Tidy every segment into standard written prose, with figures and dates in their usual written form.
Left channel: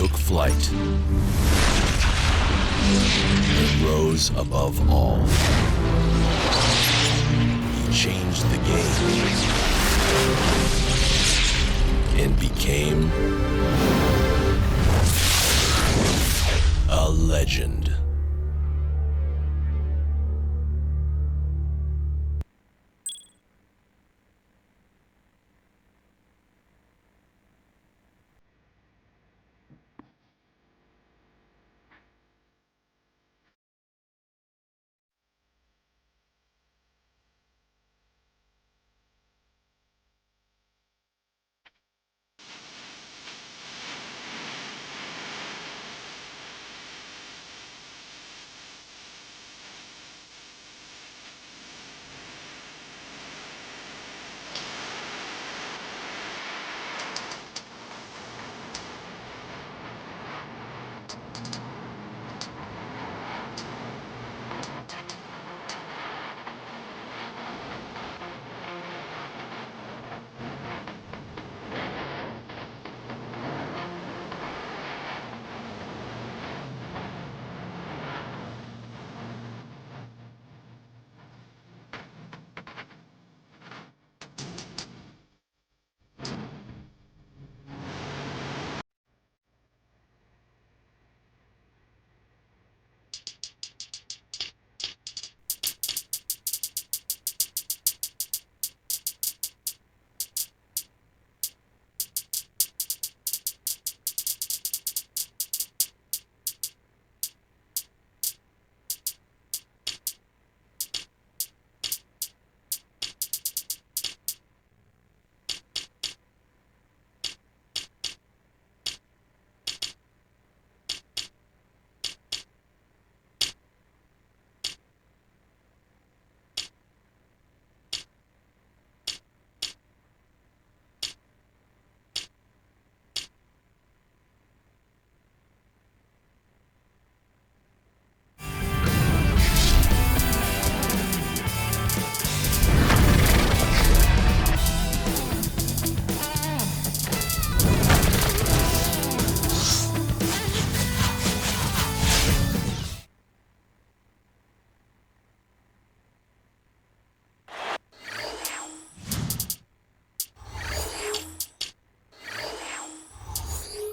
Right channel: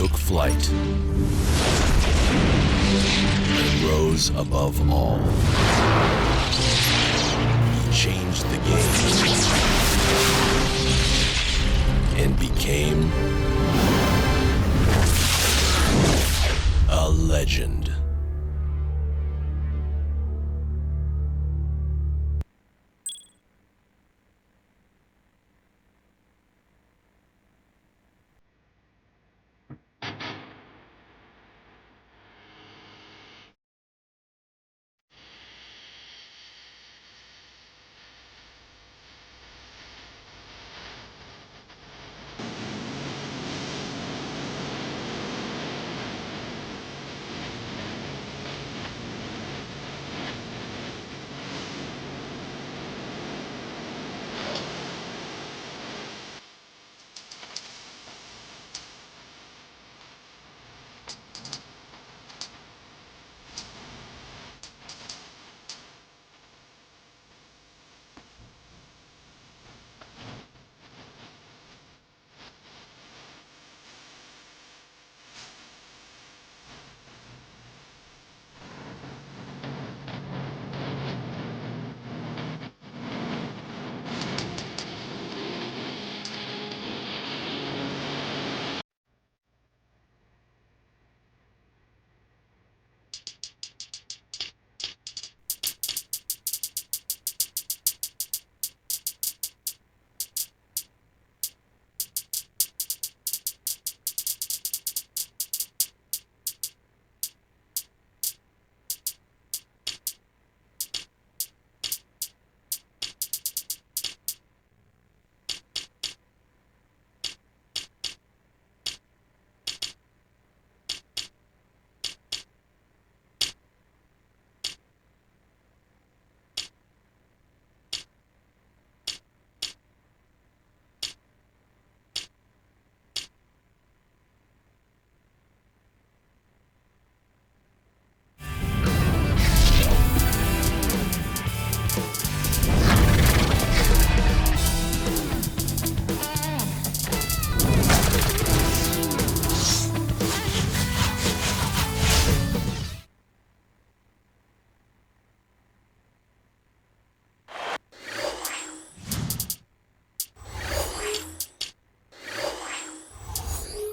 took flight and rose above all. He changed the game and became a legend.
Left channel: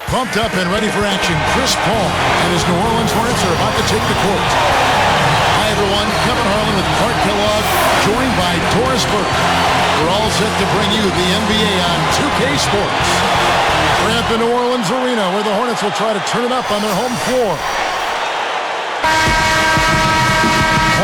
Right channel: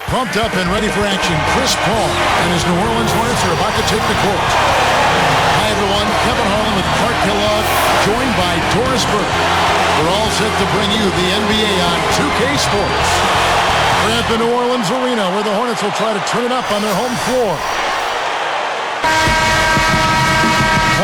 Pumped up and ready for action, Chris Paul and his New Orleans Hornets are about to take the court. Hi everyone, Kevin Harlan with Clark Kellogg, joined by Doris Burke. We're all set to bring you the NBA on 2K Sports. We're at the New Orleans Arena where the Hornets will try to turn it up on their home floor.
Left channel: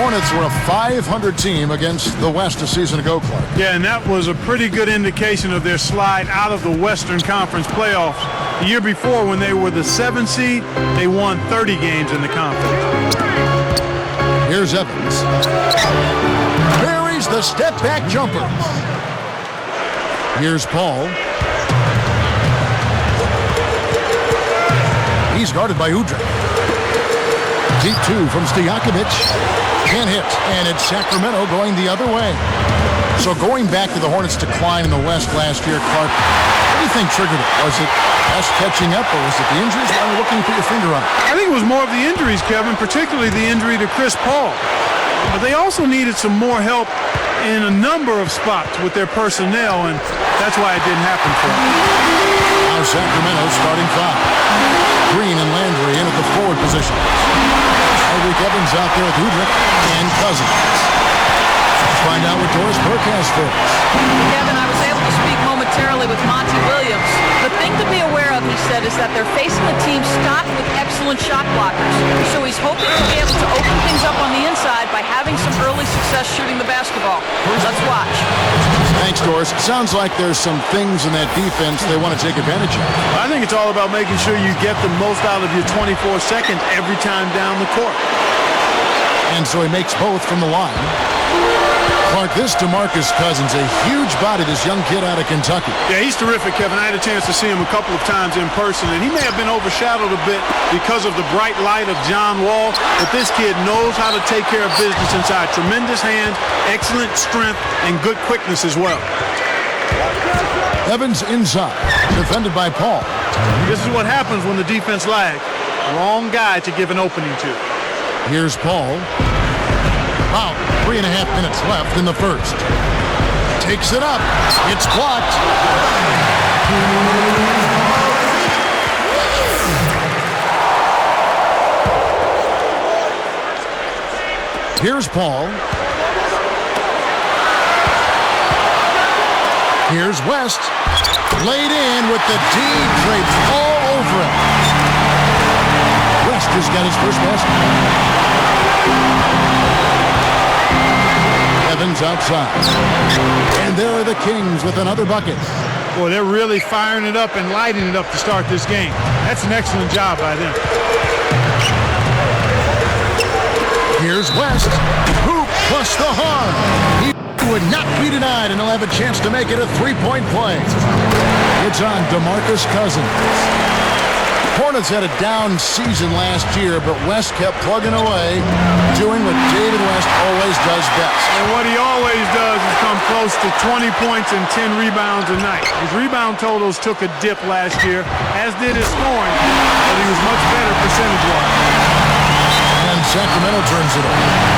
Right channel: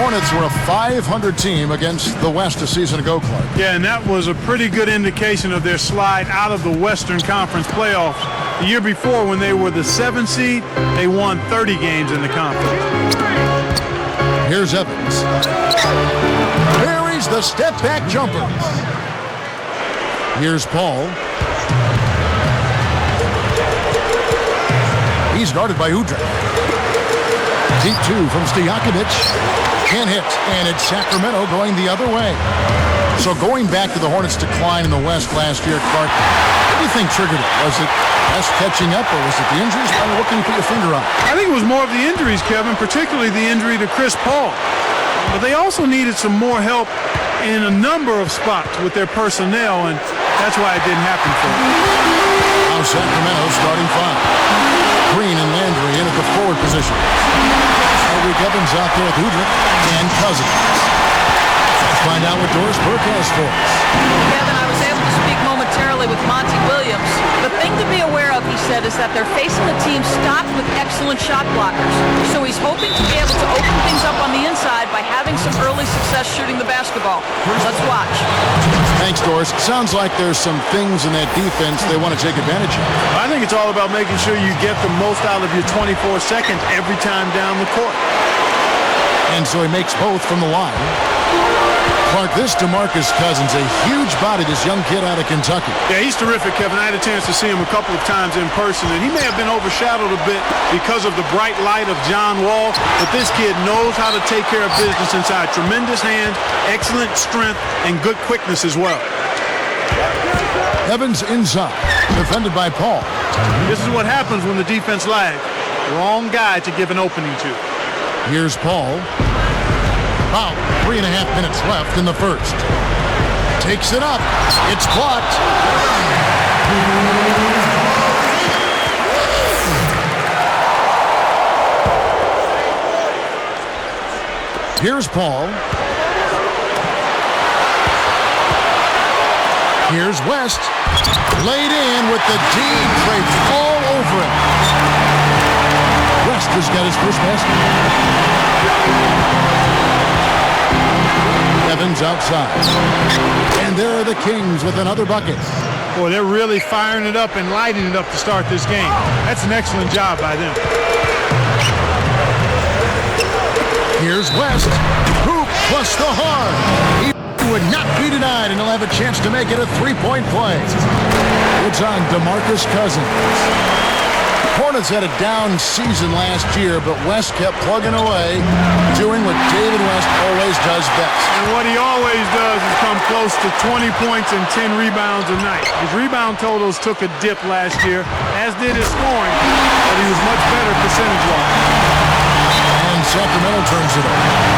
Hornets were a 500 team against the West a season ago, Clark. Yeah, and that was a pretty good indication of their slide out of the Western Conference playoffs. The year before, when they were the 7th seed, they won 30 games in the conference. Here's Evans. Buries the step-back jumper. Here's Paul. He's guarded by Joedirt. Deep two from Stojakovic. Can't hit, and it's Sacramento going the other way. So going back to the Hornets' decline in the West last year, Clark, what do you think triggered it? Was it West catching up, or was it the injuries? I mean, what can you put your finger on? I think it was more of the injuries, Kevin, particularly the injury to Chris Paul. But they also needed some more help in a number of spots with their personnel, and that's why it didn't happen for them. Now Sacramento starting five. Green and Landry in at the forward positions. Tyreke Evans out there with Joedirt and Cousins. Let's find out what Doris Burke has for us. Kevin, I was able to speak momentarily with Monty Williams. The thing to be aware of, he said, is that they're facing a team stocked with excellent shot blockers. So he's hoping to be able to open things up on the inside by having some early success shooting the basketball. Let's watch. Thanks, Doris. Sounds like there's some things in that defense they want to take advantage of. I think it's all about making sure you get the most out of your 24 seconds every time down the court. And so he makes both from the line. Clark, this DeMarcus Cousins, a huge body, this young kid out of Kentucky. Yeah, he's terrific, Kevin. I had a chance to see him a couple of times in person, and he may have been overshadowed a bit because of the bright light of John Wall, but this kid knows how to take care of business inside. Tremendous hands, excellent strength, and good quickness as well. Evans inside, defended by Paul. This is what happens when the defense lags. Wrong guy to give an opening to. Here's Paul. About 3.5 minutes left in the first. Takes it up. It's blocked. Here's Paul. Here's West. Laid in with the D draped all over him. West has got his first basket. Evans outside. And there are the Kings with another bucket. Boy, they're really firing it up and lighting it up to start this game. That's an excellent job by them. Here's West. Hoop plus the harm. He would not be denied, and he'll have a chance to make it a three-point play. It's on DeMarcus Cousins. Hornets had a down season last year, but West kept plugging away, doing what David West always does best. And what he always does is come close to 20 points and 10 rebounds a night. His rebound totals took a dip last year, as did his scoring, but he was much better percentage-wise. And Sacramento turns it over.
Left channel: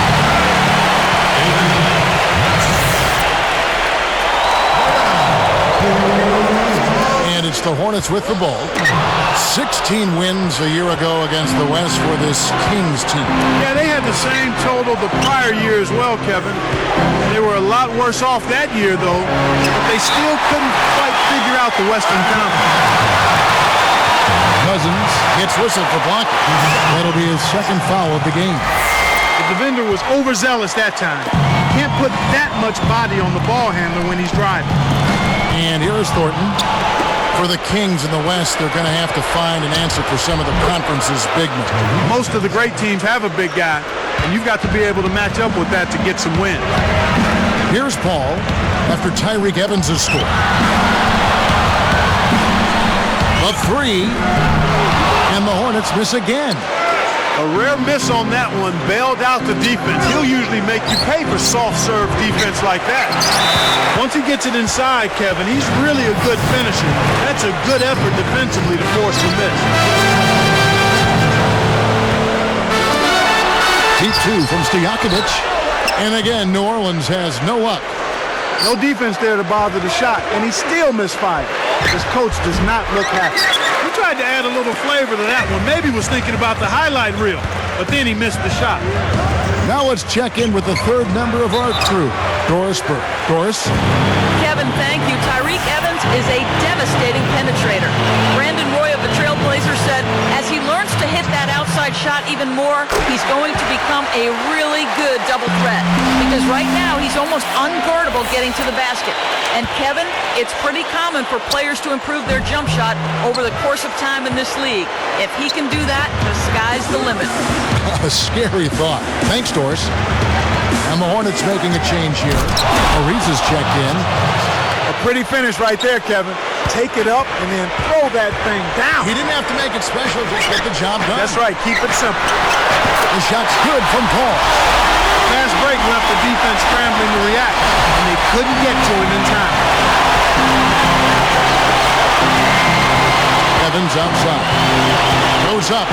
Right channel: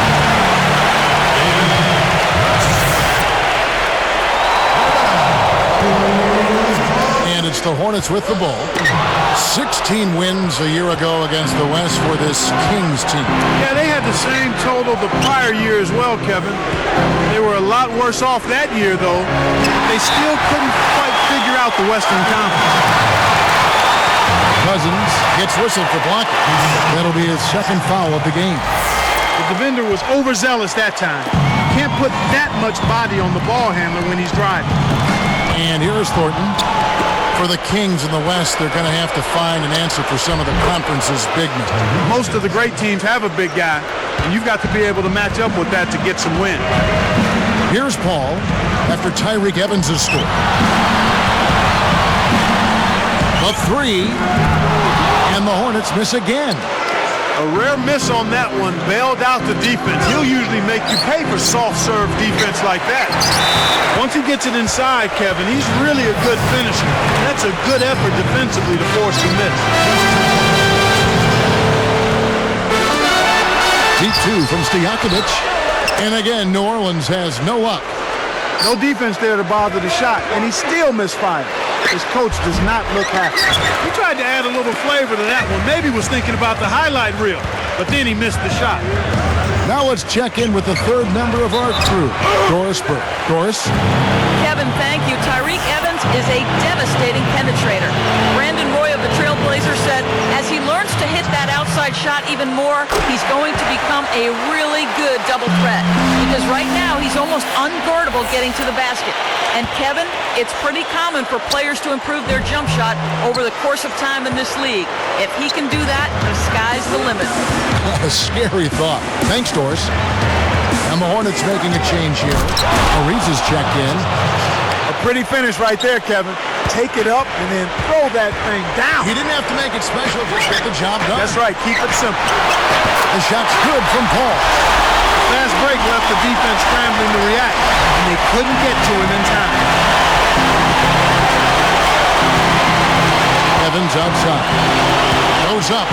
And it's the Hornets with the ball. 16 wins a year ago against the West for this Kings team. Yeah, they had the same total the prior year as well, Kevin. They were a lot worse off that year, though, but they still couldn't quite figure out the Western Conference. Cousins gets whistled for blocking. That'll be his second foul of the game. The defender was overzealous that time. You can't put that much body on the ball handler when he's driving. And here is Thornton. For the Kings in the West, they're going to have to find an answer for some of the conference's big men. Most of the great teams have a big guy, and you've got to be able to match up with that to get some wins. Here's Paul after Tyreke Evans has scored. The three, and the Hornets miss again. A rare miss on that one bailed out the defense. He'll usually make you pay for soft serve defense like that. Once he gets it inside, Kevin, he's really a good finisher. That's a good effort defensively to force the miss. Deep two from Stojakovic. And again, New Orleans has no luck. No defense there to bother the shot, and he still misfired. His coach does not look happy. He tried to add a little flavor to that one. Maybe was thinking about the highlight reel, but then he missed the shot. Now let's check in with the third member of our crew, Doris Burke. Doris? Kevin, thank you. Tyreke Evans is a devastating penetrator. Brandon Roy of the Trailblazers said as he learns to hit that outside shot even more, he's going to become a really good double threat. Because right now, he's almost unguardable getting to the basket. And Kevin, it's pretty common for players to improve their jump shot over the course of time in this league. If he can do that, the sky's the limit. A scary thought. Thanks, Doris. And the Hornets making a change here. Ariza's checked in. A pretty finish right there, Kevin. Take it up and then throw that thing down. He didn't have to make it special, just get the job done. That's right. Keep it simple. The shot's good from Paul. The fast break left the defense scrambling to react, and they couldn't get to him in time. Evans outside. Goes up.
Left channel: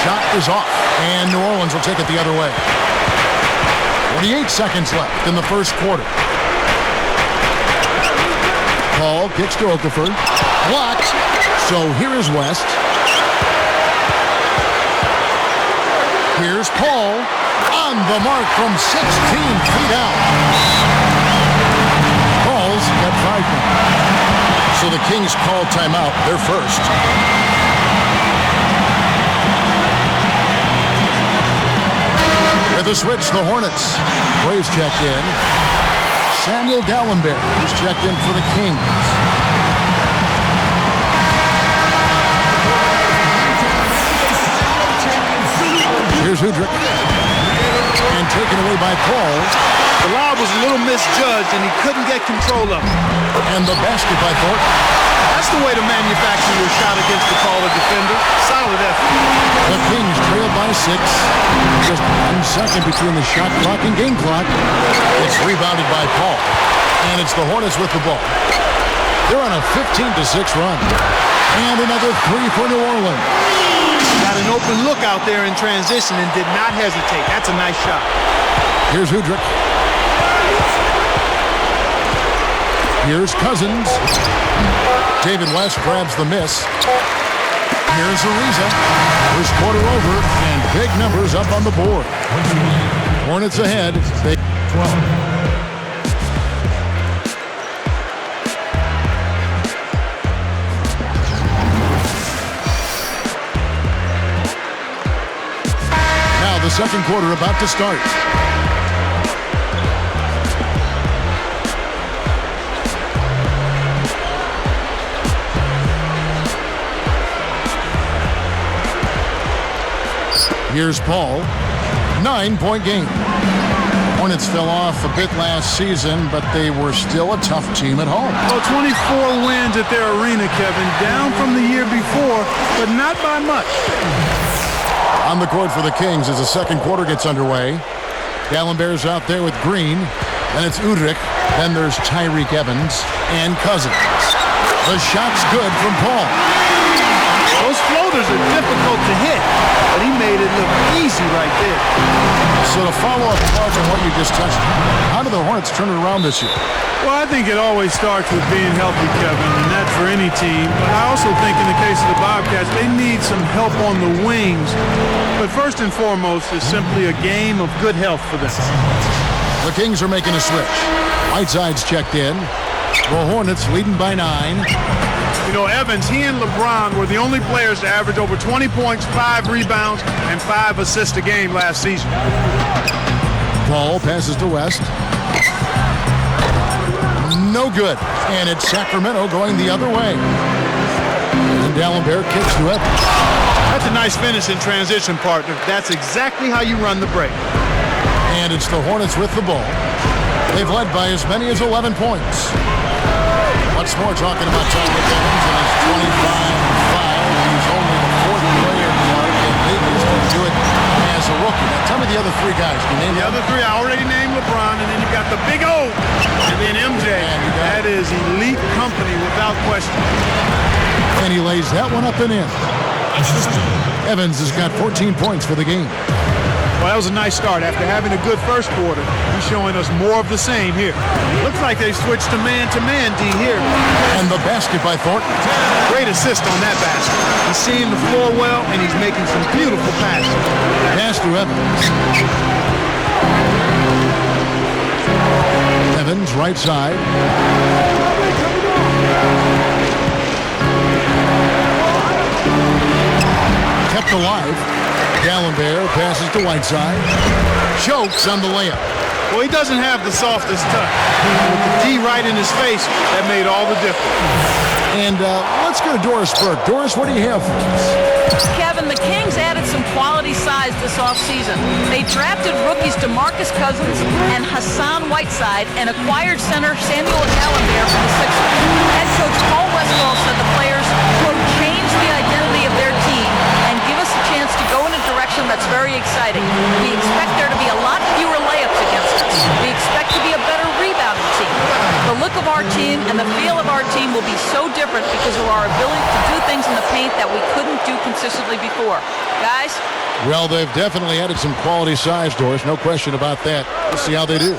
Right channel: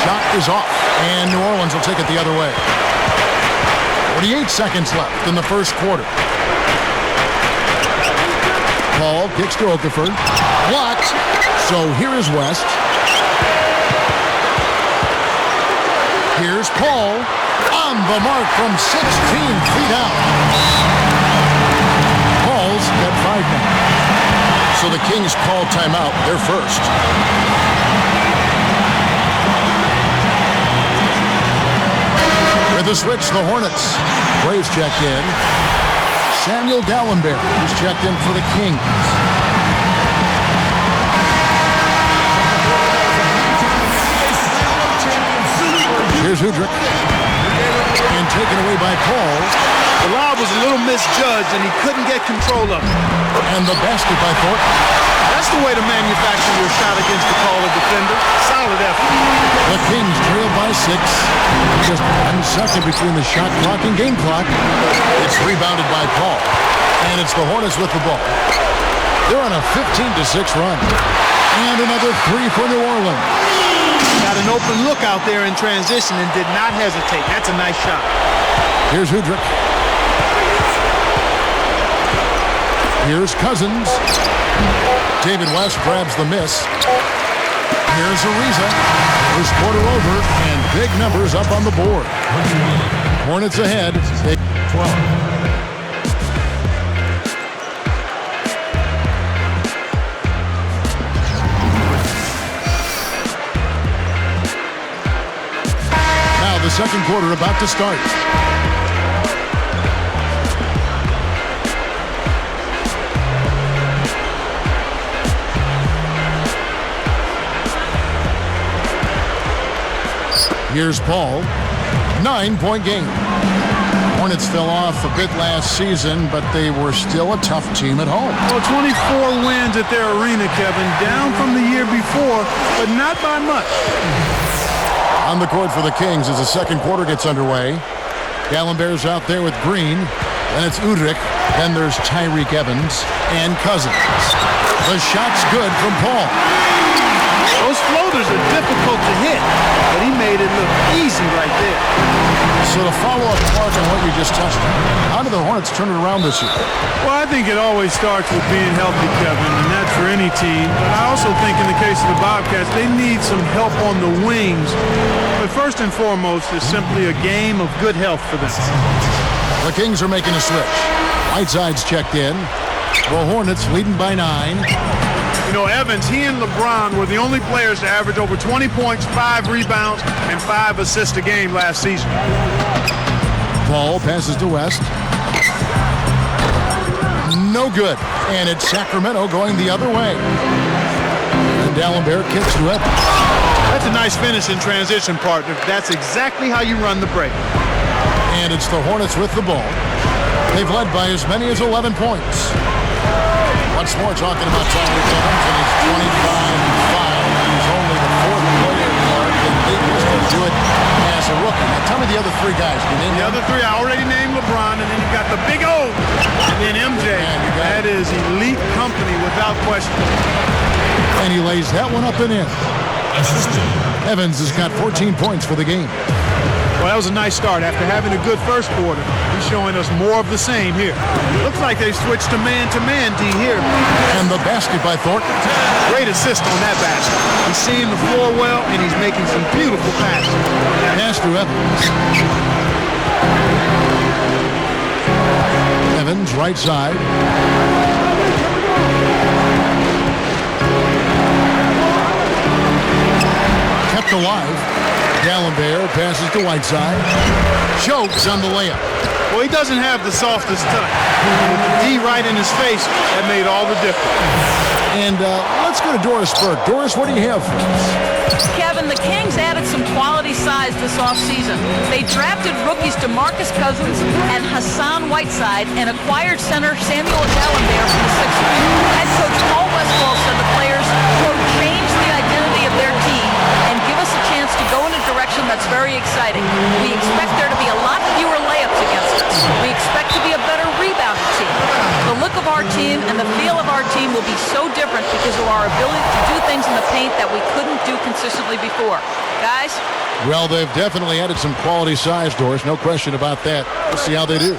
Shot is off, and New Orleans will take it the other way. 48 seconds left in the first quarter. Paul kicks to Okafor. Blocked. So here is West. Here's Paul. On the mark from 16 feet out. Paul's got 5 now. So the Kings call timeout. They're first. With a switch, the Hornets. Braves check in. Samuel Dallenberg, who's checked in for the Kings. Here's Joedirt. And taken away by Paul. The lob was a little misjudged, and he couldn't get control of it. And the basket by Thornton. That's the way to manufacture your shot against the taller defender. Solid effort. The Kings trail by 6. Just 1 second between the shot clock and game clock. It's rebounded by Paul. And it's the Hornets with the ball. They're on a 15-6 run. And another three for New Orleans. Got an open look out there in transition and did not hesitate. That's a nice shot. Here's Joedirt. Here's Cousins. David West grabs the miss. Here's Ariza. First quarter over, and big numbers up on the board. Hornets ahead. Now the second quarter about to start. Here's Paul. 9-point game. Hornets fell off a bit last season, but they were still a tough team at home. Well, 24 wins at their arena, Kevin. Down from the year before, but not by much. On the court for the Kings as the second quarter gets underway. Gallenberg's out there with Green. Then it's Joedirt. Then there's Tyreke Evans and Cousins. The shot's good from Paul. Those floaters are difficult to hit, but he made it look easy right there. So to follow up, Clark, on what you just touched on, how do the Hornets turn it around this year? Well, I think it always starts with being healthy, Kevin, and that's for any team. But I also think in the case of the Bobcats, they need some help on the wings. But first and foremost is simply a game of good health for them. The Kings are making a switch. Whiteside's checked in. The Hornets leading by 9. You know, Evans, he and LeBron were the only players to average over 20 points, 5 rebounds, and 5 assists a game last season. Paul passes to West. No good. And it's Sacramento going the other way. And Gallenberg kicks to Evans. That's a nice finish in transition, partner. That's exactly how you run the break. And it's the Hornets with the ball. They've led by as many as 11 points. Once more talking about Tyreke Evans and his 25-5. He's only the 4th player, Clark, in league history to do it as a rookie. Now tell me the other 3 guys. Can you name the them? other 3? I already named LeBron, and then you've got the big O, and then MJ. Man, that is elite company without question. And he lays that one up and in. Evans has got 14 points for the game. Well, that was a nice start. After having a good first quarter, he's showing us more of the same here. Looks like they switched to man, D, here. And the basket by Thornton. Great assist on that basket. He's seeing the floor well, and he's making some beautiful passes. Pass to Evans. Evans, right side. Kept alive. Gallenberg passes to Whiteside. Chokes on the layup. Well, he doesn't have the softest touch. And with the D right in his face, that made all the difference. And let's go to Doris Burke. Doris, what do you have for us? Kevin, the Kings added some quality size this offseason. They drafted rookies DeMarcus Cousins and Hassan Whiteside and acquired center Samuel Gallenberg from the Sixers. Head coach Paul Westphal said the players, quote, change the identity of their team and give us a chance to go in a direction that's very exciting. We expect there to be a lot fewer layups against us. We expect to be a better rebounding team. The look of our team and the feel of our team will be so different because of our ability to do things in the paint that we couldn't do consistently before. Guys? Well, they've definitely added some quality size, Doris. No question about that. We'll see how they do.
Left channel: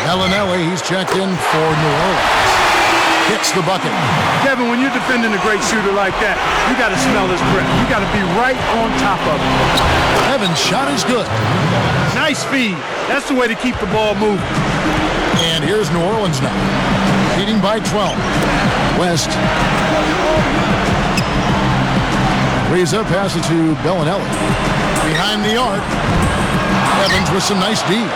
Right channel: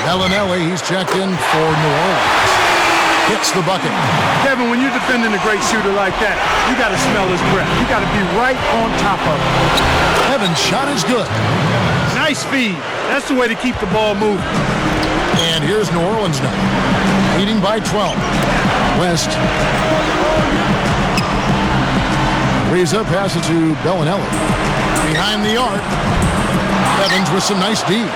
Bellinelli, he's checked in for New Orleans. Hits the bucket. Kevin, when you're defending a great shooter like that, you got to smell his breath. You got to be right on top of it. Evans' shot is good. Nice feed. That's the way to keep the ball moving. And here's New Orleans now, leading by 12. West. Ariza passes to Bellinelli. Behind the arc. Evans with some nice D.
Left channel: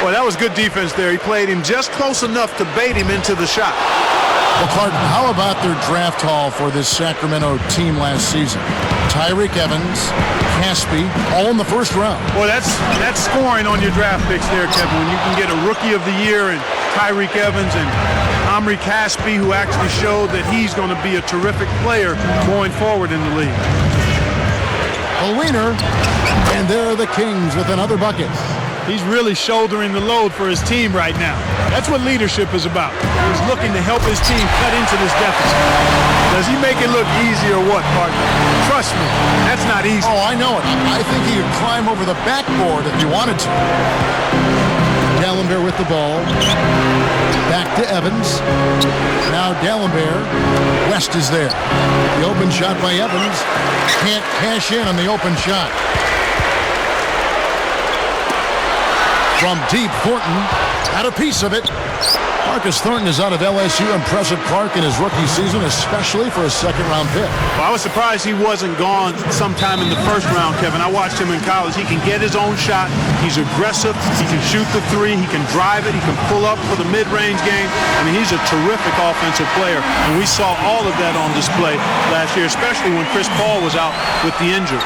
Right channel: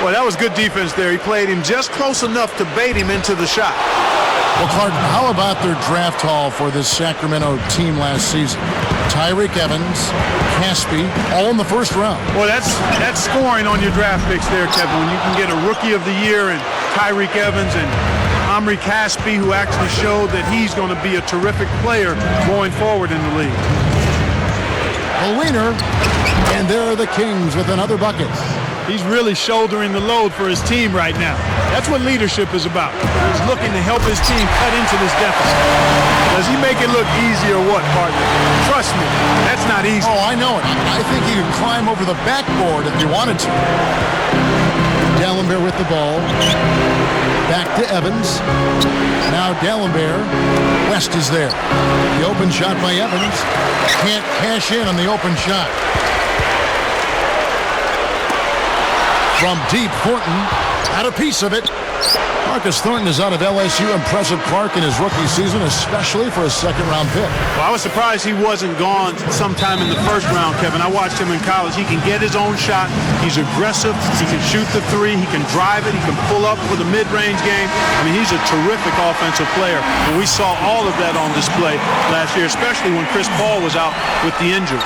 Well, that was good defense there. He played him just close enough to bait him into the shot. Well, Clark, how about their draft haul for this Sacramento team last season? Tyreke Evans, Caspi, all in the first round. Well, that's scoring on your draft picks there, Kevin. When you can get a Rookie of the Year and Tyreke Evans and Omri Caspi, who actually showed that he's going to be a terrific player going forward in the league. The winner, and there are the Kings with another bucket. He's really shouldering the load for his team right now. That's what leadership is about. He's looking to help his team cut into this deficit. Does he make it look easy or what, partner? Trust me, that's not easy. Oh, I know it. I think he could climb over the backboard if he wanted to. D'Alembert with the ball. Back to Evans. Now D'Alembert. West is there. The open shot by Evans. Can't cash in on the open shot. From deep, Thornton had a piece of it. Marcus Thornton is out of LSU. Impressive Clark in his rookie season, especially for a second-round pick. Well, I was surprised he wasn't gone sometime in the first round, Kevin. I watched him in college. He can get his own shot. He's aggressive. He can shoot the three. He can drive it. He can pull up for the mid-range game. I mean, he's a terrific offensive player, and we saw all of that on display last year, especially when Chris Paul was out with the injury.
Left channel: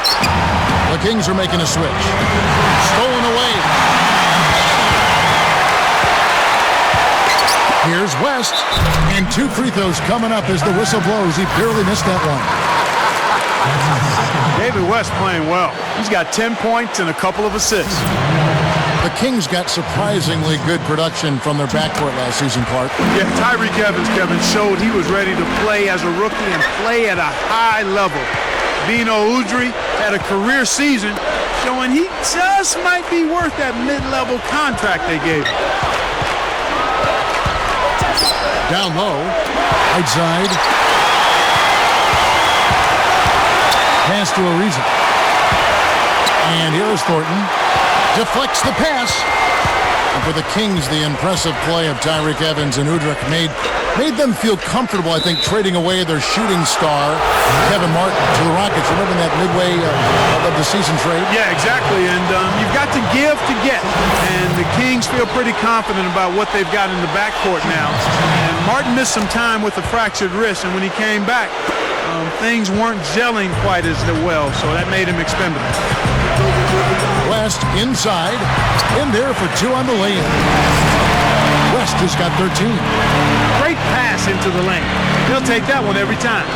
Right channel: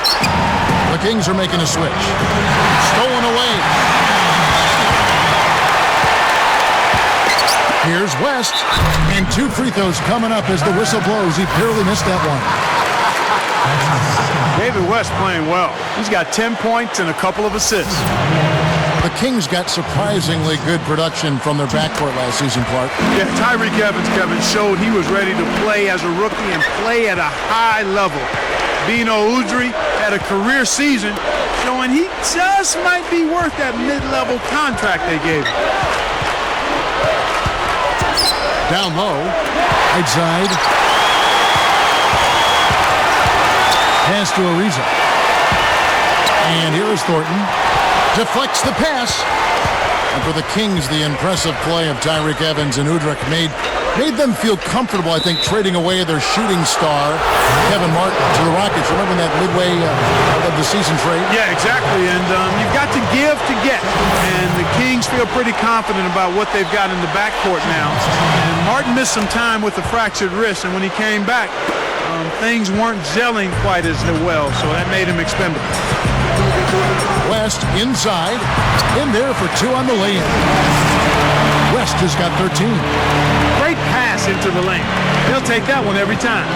The Kings are making a switch. Stolen away. Here's West, and 2 free throws coming up as the whistle blows. He barely missed that one. David West playing well. He's got 10 points and a couple of assists. The Kings got surprisingly good production from their backcourt last season, Clark. Yeah, Tyreke Evans, Kevin, showed he was ready to play as a rookie and play at a high level. Bino Udrih had a career season showing he just might be worth that mid-level contract they gave him. Down low, right side. Pass to Ariza. And here is Thornton. Deflects the pass. And for the Kings, the impressive play of Tyreke Evans and Udrih made them feel comfortable, I think, trading away their shooting star, Kevin Martin, to the Rockets. Remember that midway of the season trade? Yeah, exactly. And you've got to give to get. And the Kings feel pretty confident about what they've got in the backcourt now. And Martin missed some time with a fractured wrist, and when he came back, things weren't gelling quite as well, so that made him expendable. West inside, in there for 2 on the lay-in. West has got 13. Great pass into the lane. He'll take that one every time.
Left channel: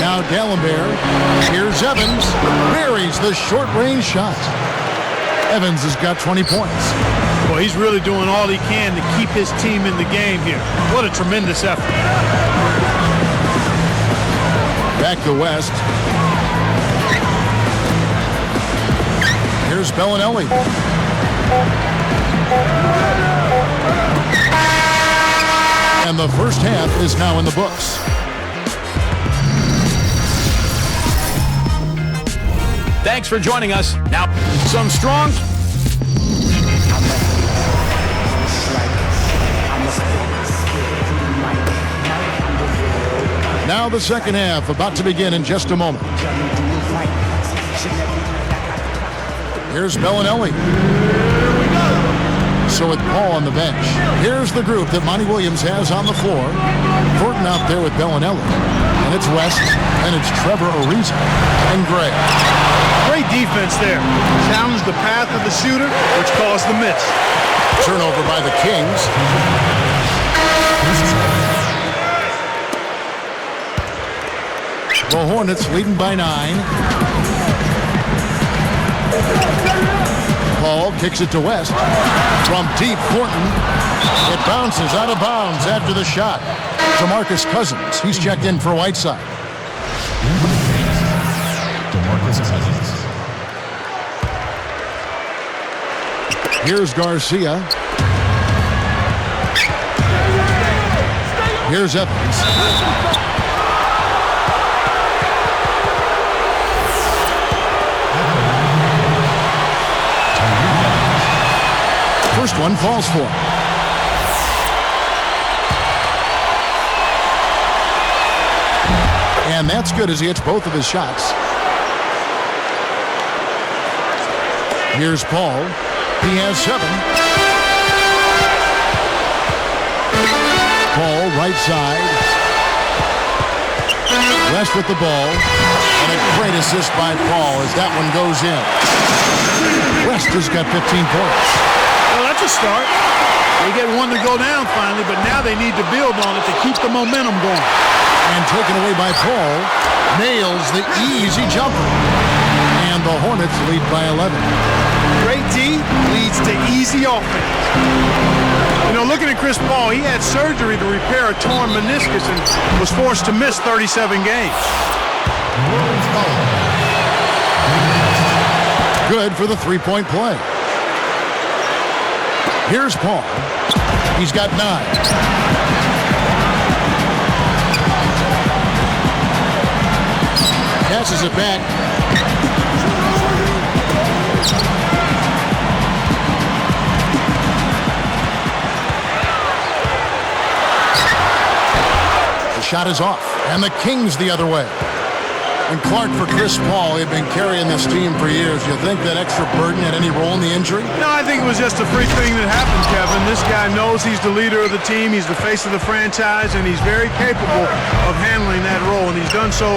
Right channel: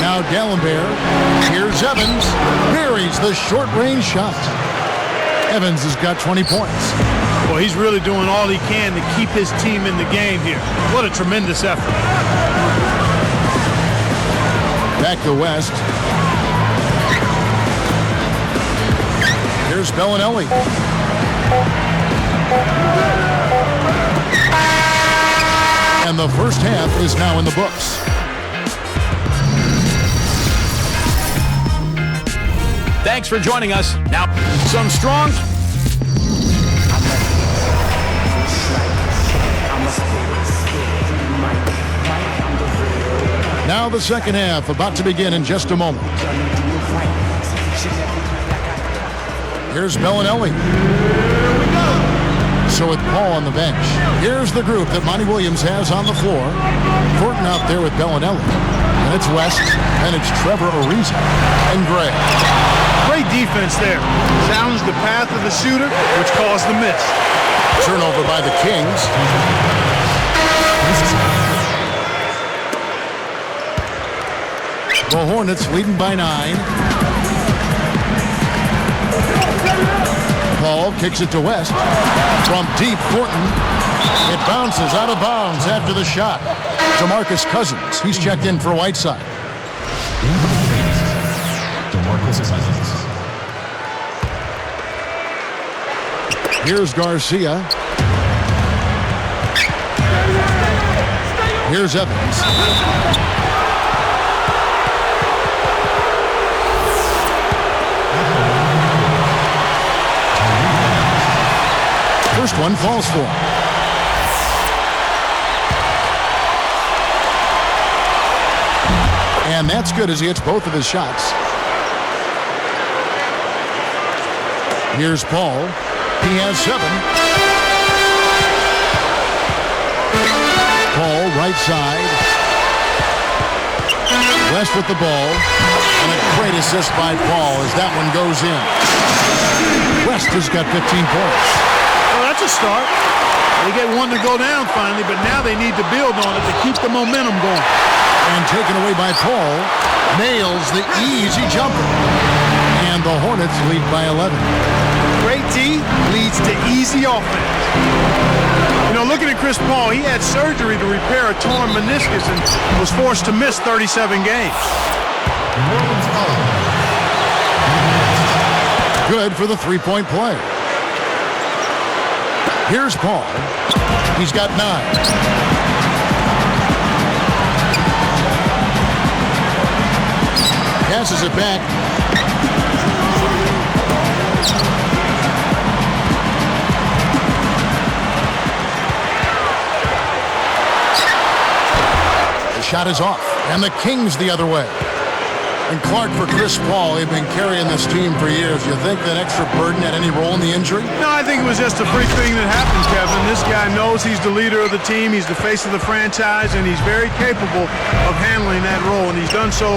Now D'Alembert. Here's Evans. Buries the short-range shot. Evans has got 20 points. Well, he's really doing all he can to keep his team in the game here. What a tremendous effort. Back to West. Here's Bellinelli. And the first half is now in the books. Thanks for joining us. Now, Some strong... Now the second half about to begin in just a moment. Here's Bellinelli. So with Paul on the bench, here's the group that Monty Williams has on the floor. Thornton out there with Bellinelli. And it's West, and it's Trevor Ariza, and Gray. Great defense there. Challenged the path of the shooter, which caused the miss. Turnover by the Kings. The Hornets leading by 9. Paul kicks it to West. From deep, Thornton. It bounces out of bounds after the shot. DeMarcus Cousins. He's checked in for Whiteside. Here's Garcia. Here's Evans. First one falls for him. And that's good as he hits both of his shots. Here's Paul. He has 7. Paul, right side. West with the ball. And a great assist by Paul as that one goes in. West has got 15 points. Well, that's a start. They get one to go down finally, but now they need to build on it to keep the momentum going. And taken away by Paul. Nails the easy jumper. And the Hornets lead by 11. Great D leads to easy offense. You know, looking at Chris Paul, he had surgery to repair a torn meniscus and was forced to miss 37 games. Good for the three-point play. Here's Paul. He's got 9. Passes it back. The shot is off, and the Kings the other way. And Clark for Chris Paul, he'd been carrying this team for years. You think that extra burden had any role in the injury? No, I think it was just a freak thing that happened, Kevin. This guy knows he's the leader of the team. He's the face of the franchise, and he's very capable of handling that role, and he's done so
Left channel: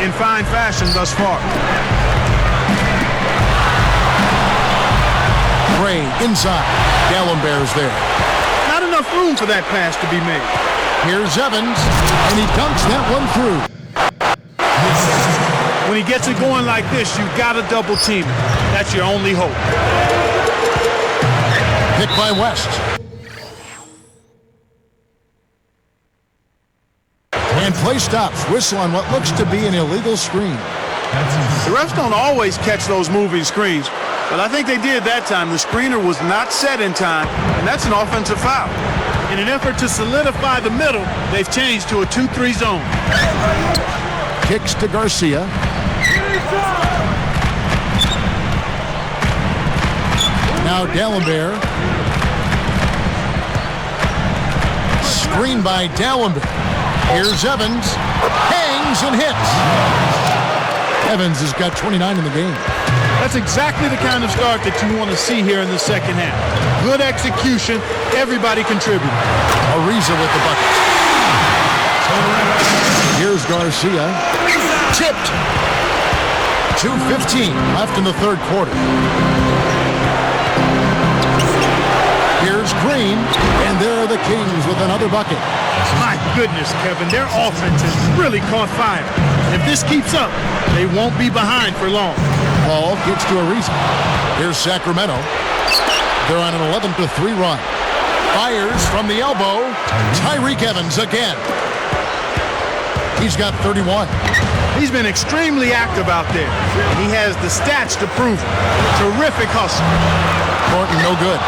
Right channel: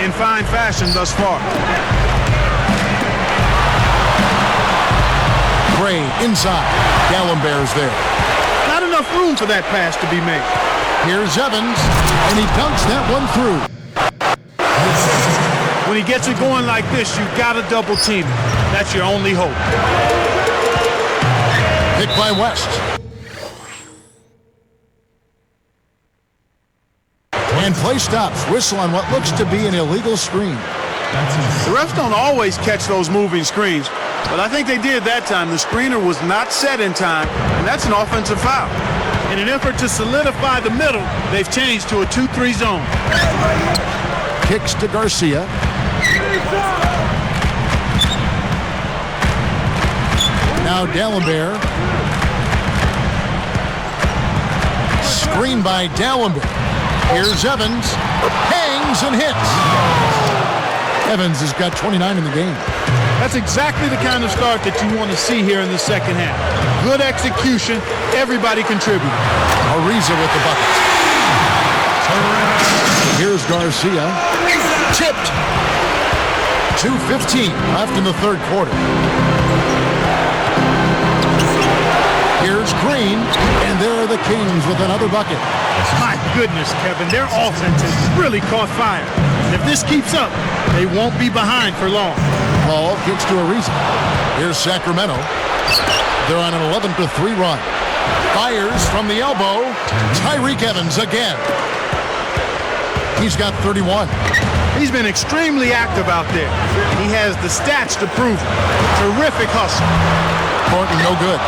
in fine fashion thus far. Gray inside. Gallenberg's there. Not enough room for that pass to be made. Here's Evans, and he dunks that one through. When he gets it going like this, you got to double team him. That's your only hope. Picked by West. And play stops. Whistle on what looks to be an illegal screen. The refs don't always catch those moving screens, but I think they did that time. The screener was not set in time, and that's an offensive foul. In an effort to solidify the middle, they've changed to a 2-3 zone. Kicks to Garcia. Now Gallenberg. Screen by Gallenberg. Here's Evans. Hangs and hits. Evans has got 29 in the game. That's exactly the kind of start that you want to see here in the second half. Good execution. Everybody contributed. Ariza with the bucket. Here's Garcia. Tipped. 2:15 left in the third quarter. Here's Green, and there are the Kings with another bucket. My goodness, Kevin, their offense has really caught fire. And if this keeps up, they won't be behind for long. Paul gets to Ariza. Here's Sacramento. They're on an 11-3 run. Fires from the elbow. Tyreke Evans again. He's got 31. He's been extremely active out there, and he has the stats to prove it. Terrific hustle. Thornton, no good.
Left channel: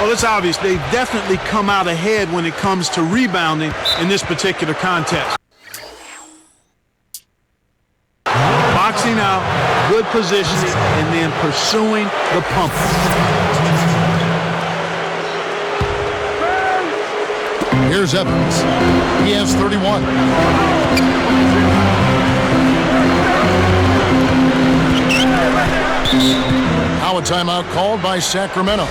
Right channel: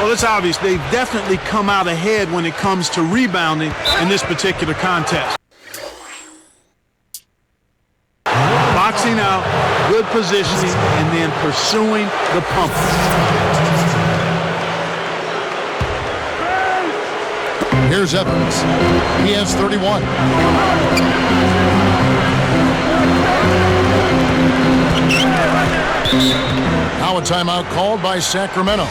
Well, it's obvious they've definitely come out ahead when it comes to rebounding in this particular contest. Boxing out, good positioning, and then pursuing the pump. Here's Evans. He has 31. Now a timeout called by Sacramento.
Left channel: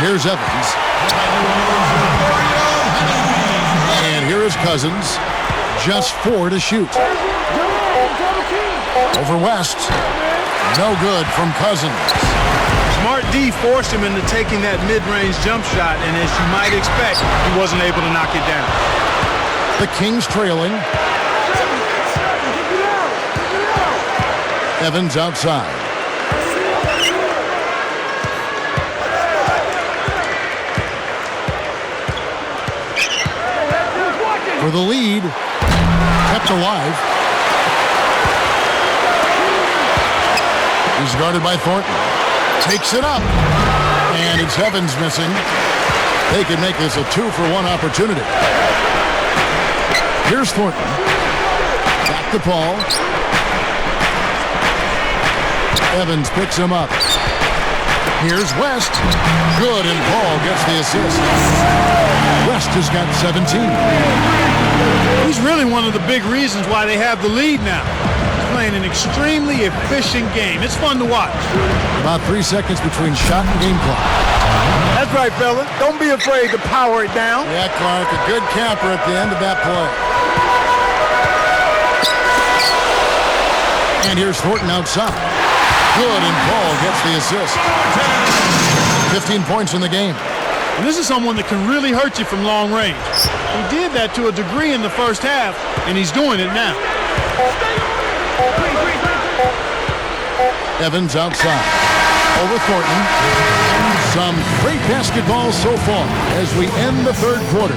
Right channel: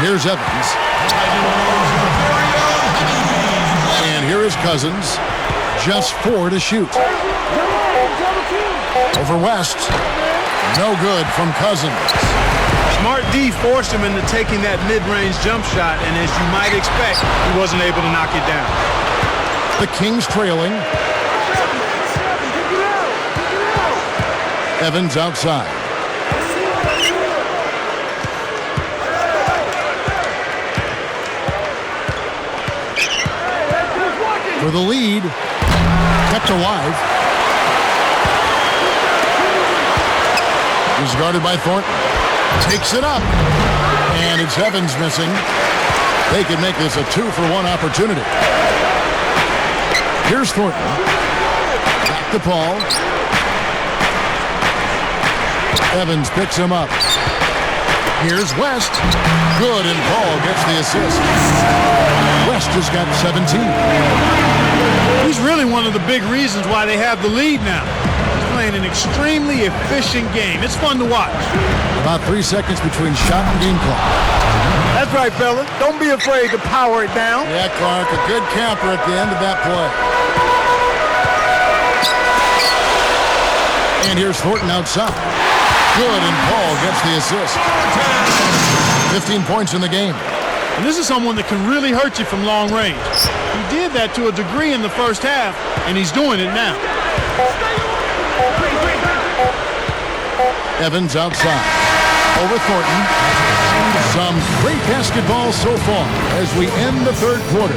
Here's Evans. And here is Cousins. Just 4 to shoot. Over West. No good from Cousins. Smart D forced him into taking that mid-range jump shot, and as you might expect, he wasn't able to knock it down. The Kings trailing. Evans outside. For the lead, kept alive. He's guarded by Thornton. Takes it up. And it's Evans missing. They can make this a 2-for-1 opportunity. Here's Thornton. Back to Paul. Evans picks him up. Here's West. Good, and Paul gets the assist. West has got 17. He's really one of the big reasons why they have the lead now. He's playing an extremely efficient game. It's fun to watch. About 3 seconds between shot and game clock. That's right, fella. Don't be afraid to power it down. Yeah, Clark, a good camper at the end of that play. And here's Thornton outside. Good, and Paul gets the assist. 15 points in the game. And this is someone that can really hurt you from long range. He did that to a degree in the first half, and he's doing it now. Evans outside. Over Thornton. Some great basketball so far as we end the third quarter.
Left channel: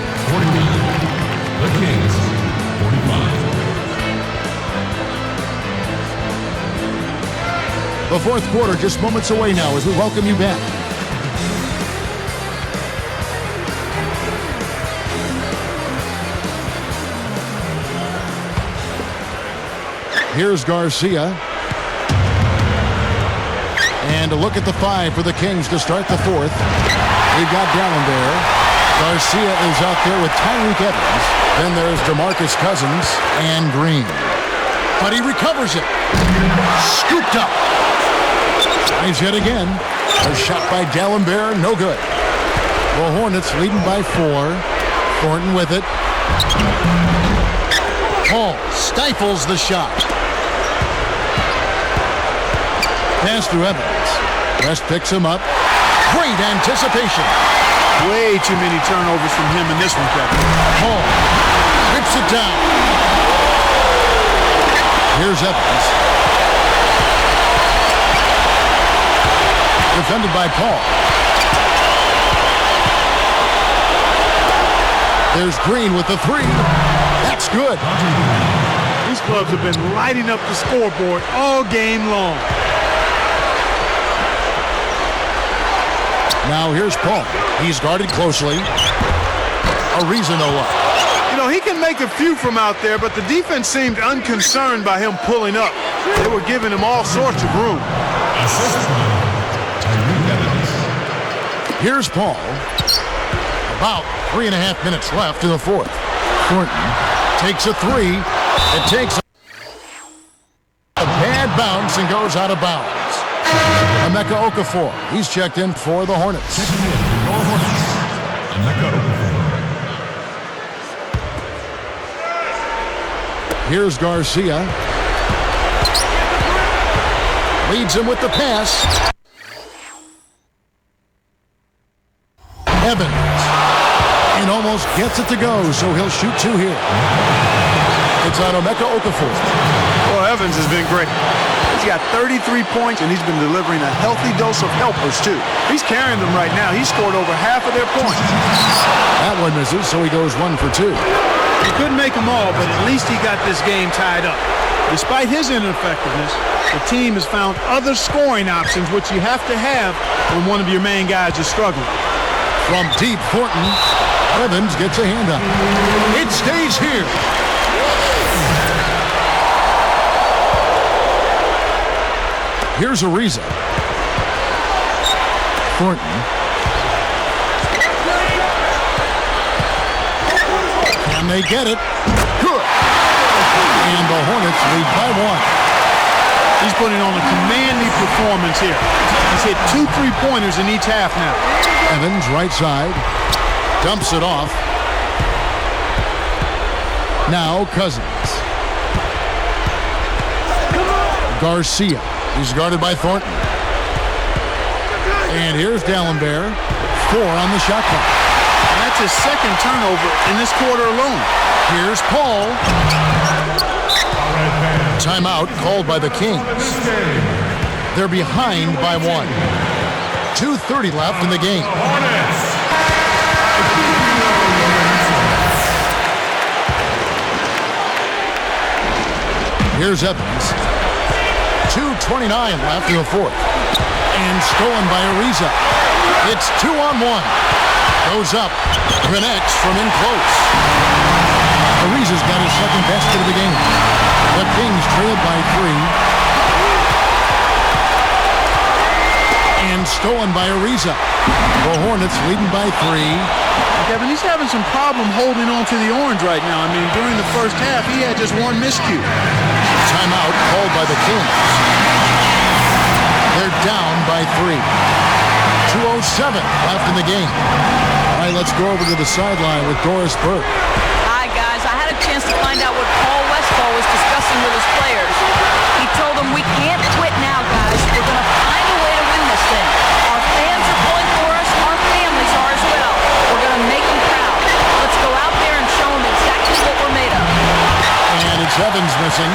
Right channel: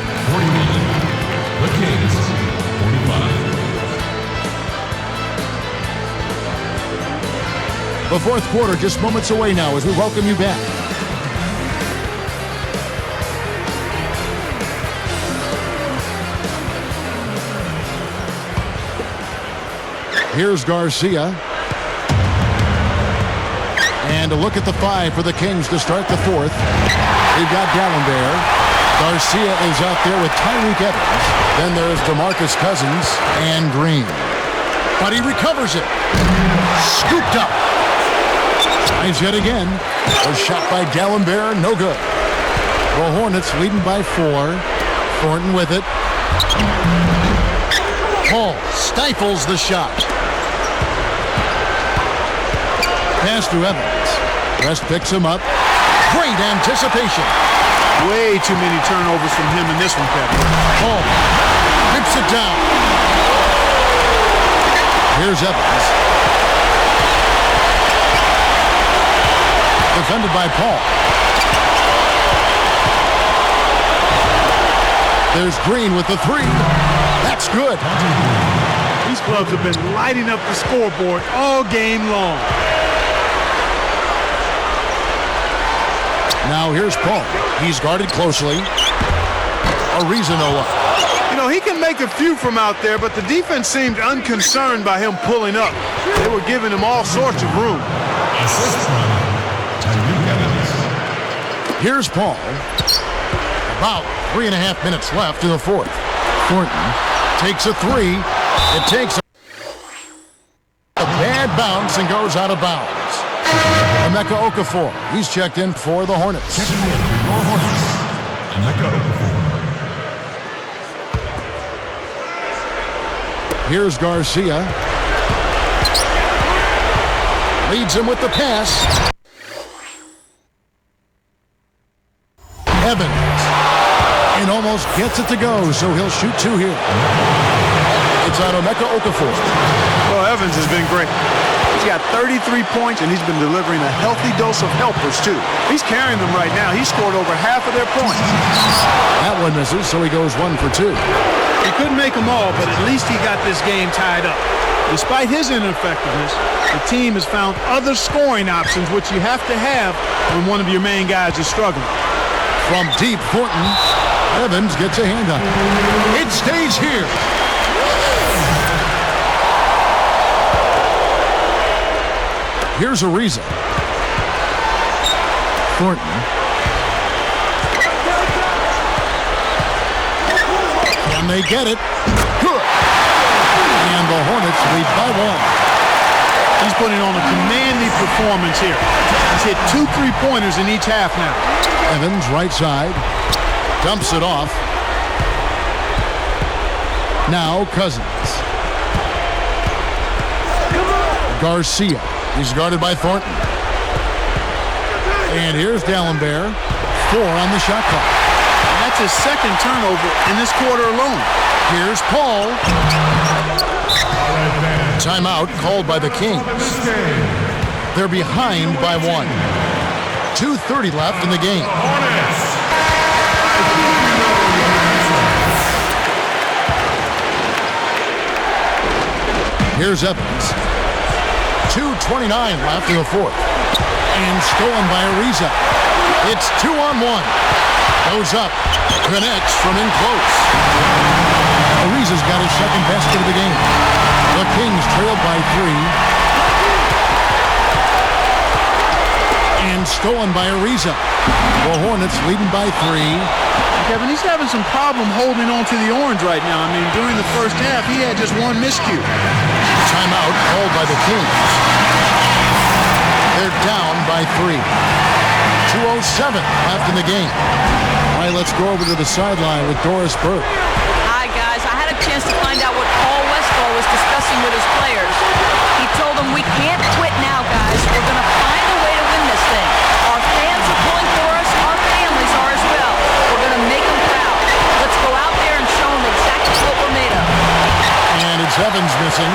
The fourth quarter just moments away now as we welcome you back. Here's Garcia. And a look at the 5 for the Kings to start the fourth. We've got D'Alembert. Garcia is out there with Tyreke Evans. Then there's DeMarcus Cousins and Green. But he recovers it. Scooped up. Tries yet again. A shot by D'Alembert, no good. The Hornets leading by 4. Thornton with it. Paul stifles the shot. Pass to Evans. West picks him up. Great anticipation. Way too many turnovers from him in this one, Kevin. Paul rips it down. Here's Evans. Defended by Paul. There's Green with the 3. That's good. These clubs have been lighting up the scoreboard all game long. Now here's Paul. He's guarded closely. Ariza no up. You know, he can make a few from out there, but the defense seemed unconcerned by him pulling up. They were giving him all sorts of room. Here's Paul. About 3.5 minutes left in the fourth. Thornton takes a 3. It takes a bad bounce and goes out of bounds. Emeka Okafor. He's checked in for the Hornets. Here's Garcia. Leads him with the pass. Evans. And almost gets it to go, so he'll shoot 2 here. It's on Emeka Okafor. Well, Evans has been great. He's got 33 points, and he's been delivering a healthy dose of helpers, too. He's carrying them right now. He scored over half of their points. That one misses, so he goes 1 for 2. He couldn't make them all, but at least he got this game tied up. Despite his ineffectiveness, the team has found other scoring options, which you have to have when one of your main guys is struggling. From deep, Thornton. Evans gets a hand on it. It stays here. Here's Ariza. Thornton. Can they get it? Good. And the Hornets lead by 1. He's putting on a commanding performance here. He's hit 2 3-pointers in each half now. Evans, right side. Dumps it off. Now Cousins. Garcia. He's guarded by Thornton. And here's D'Alembert. 4 on the shot clock. And that's his second turnover in this quarter alone. Here's Paul. Timeout called by the Kings. They're behind by 1. 2:30 left in the game. Here's Evans. 2:29 left in the fourth. And stolen by Ariza. It's 2-on-1. Goes up. Connects from in close. Ariza's got his second basket of the game. The Kings trailed by 3. And stolen by Ariza. The Hornets leading by 3. Kevin, he's having some problem holding on to the orange right now. I mean, during the first half, he had just 1 miscue. Timeout called by the Kings. They're down by 3. 2:07 left in the game. All right, let's go over to the sideline with Doris Burke. I guy, guys. I had a chance to find out what Paul Westphal was discussing with his players. He told them, we can't quit now, guys. We're going to find a way to win this thing. Our fans are pulling for us. Our families are as well. We're going to make them proud. Let's go out there and show them exactly what we're made of. And it's Evans missing.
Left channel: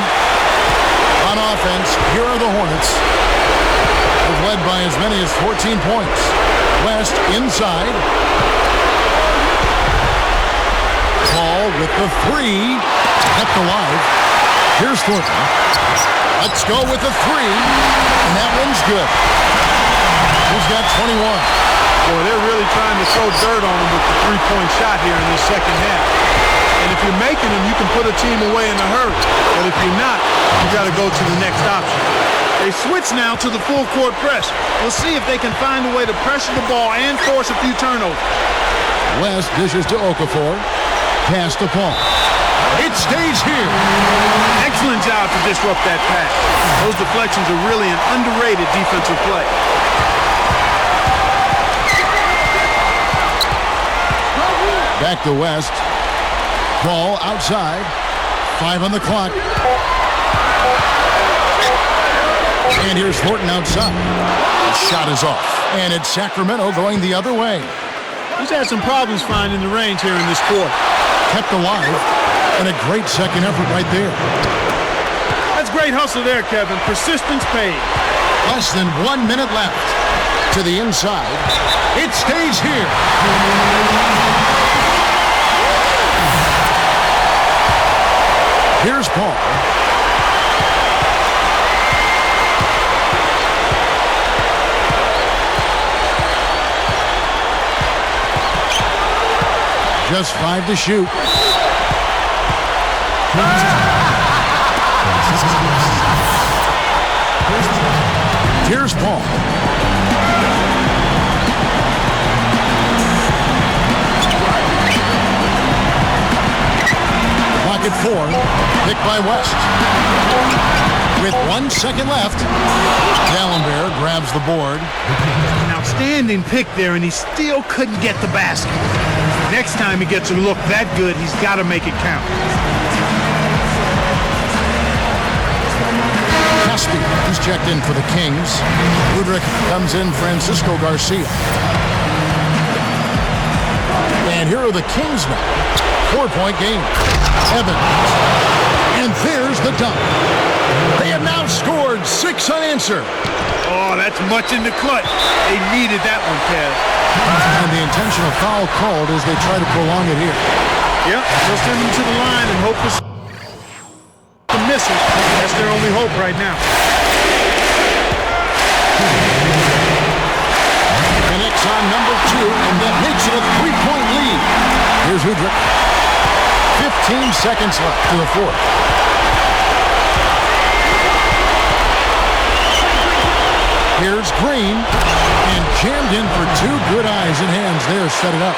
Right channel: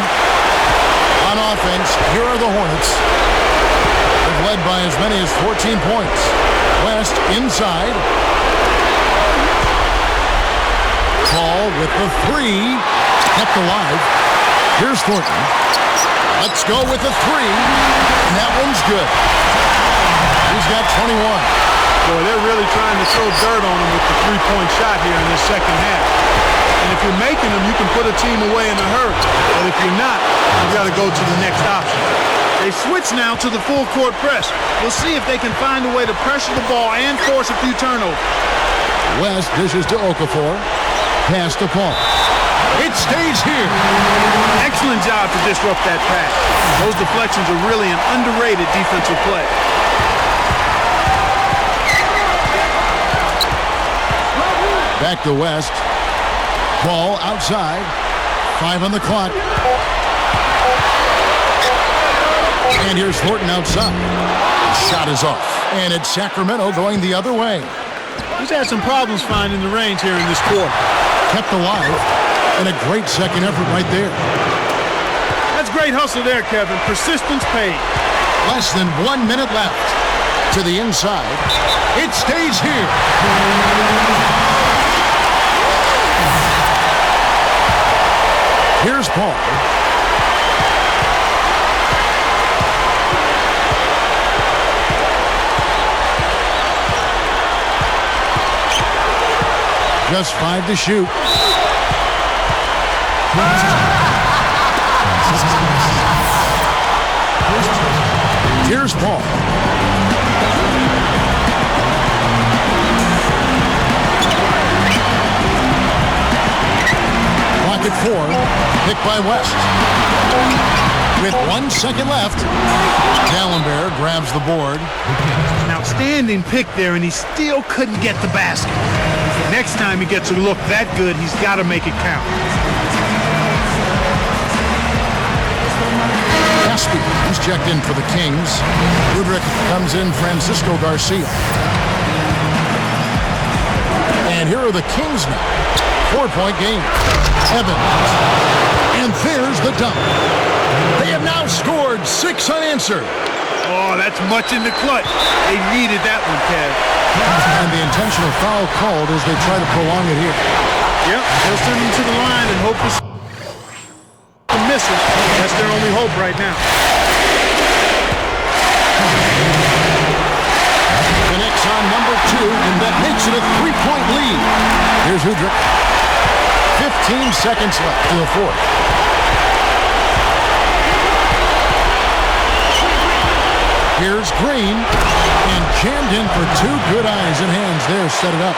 On offense, here are the Hornets. They've led by as many as 14 points. West inside. Paul with the three. Kept alive. Here's Thornton. Let's go with the three. And that one's good. He's got 21. Boy, they're really trying to throw dirt on him with the three-point shot here in this second half. And if you're making them, you can put a team away in a hurry. But if you're not, you've got to go to the next option. They switch now to the full court press. We'll see if they can find a way to pressure the ball and force a few turnovers. West dishes to Okafor. Pass to Paul. It stays here. Excellent job to disrupt that pass. Those deflections are really an underrated defensive play. Back to West. Paul outside. 5 on the clock. And here's Thornton outside. Shot is off. And it's Sacramento going the other way. He's had some problems finding the range here in this quarter. Kept alive. And a great second effort right there. That's great hustle there, Kevin. Persistence paid. Less than 1 minute left. To the inside. It stays here. Here's Paul. Just 5 to shoot. Here's Paul. Clock at 4. Picked by West. With 1 second left, Dallenberg grabs the board. An outstanding pick there, and he still couldn't get the basket. Next time he gets a look that good, he's got to make it count. Caspi, he's checked in for the Kings. Joedirt comes in, Francisco Garcia. And here are the Kings now. 4-point game. Evans. And there's the dunk. They have now scored 6 unanswered. Oh, that's much in the clutch. They needed that one, Kev. And the intentional foul called as they try to prolong it here. Yep, they'll send them to the line and hope for the misses. That's their only hope right now. Connects on number 2, and that makes it a 3-point lead. Here's Joedirt. 15 seconds left to the fourth. Here's Green, and jammed in for 2 good eyes and hands there, set it up.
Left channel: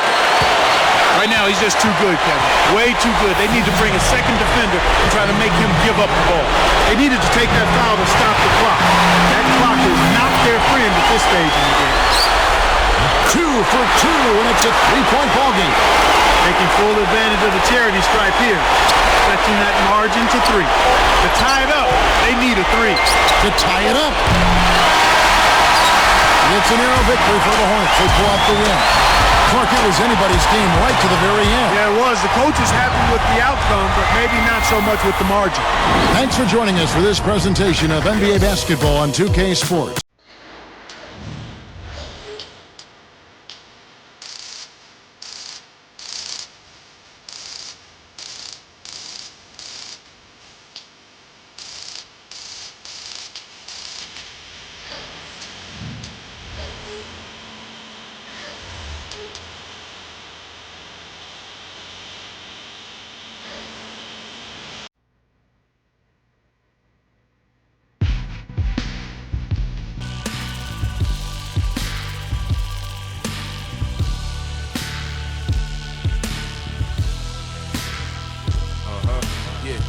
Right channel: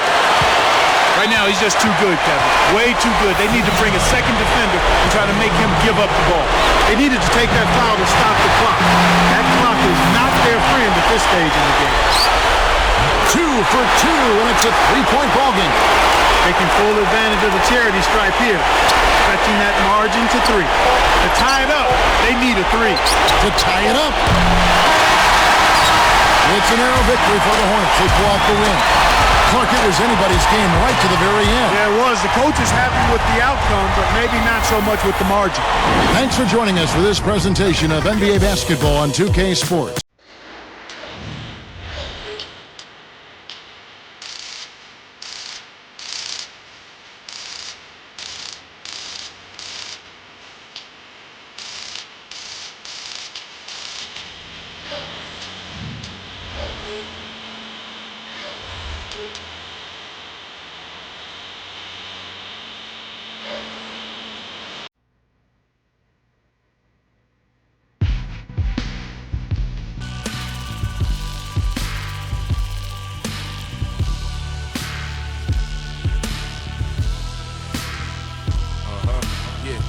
Right now, he's just too good, Kevin. Way too good. They need to bring a second defender and try to make him give up the ball. They needed to take that foul to stop the clock. That clock is not their friend at this stage in the game. 2 for 2, and it's a 3-point ball game. Taking full advantage of the charity stripe here. Stretching that margin to 3. To tie it up, they need a 3. To tie it up. It's a narrow victory for the Hornets. They pull out the win. Clark, it was anybody's game right to the very end. Yeah, it was. The coach is happy with the outcome, but maybe not so much with the margin. Thanks for joining us for this presentation of NBA basketball on 2K Sports.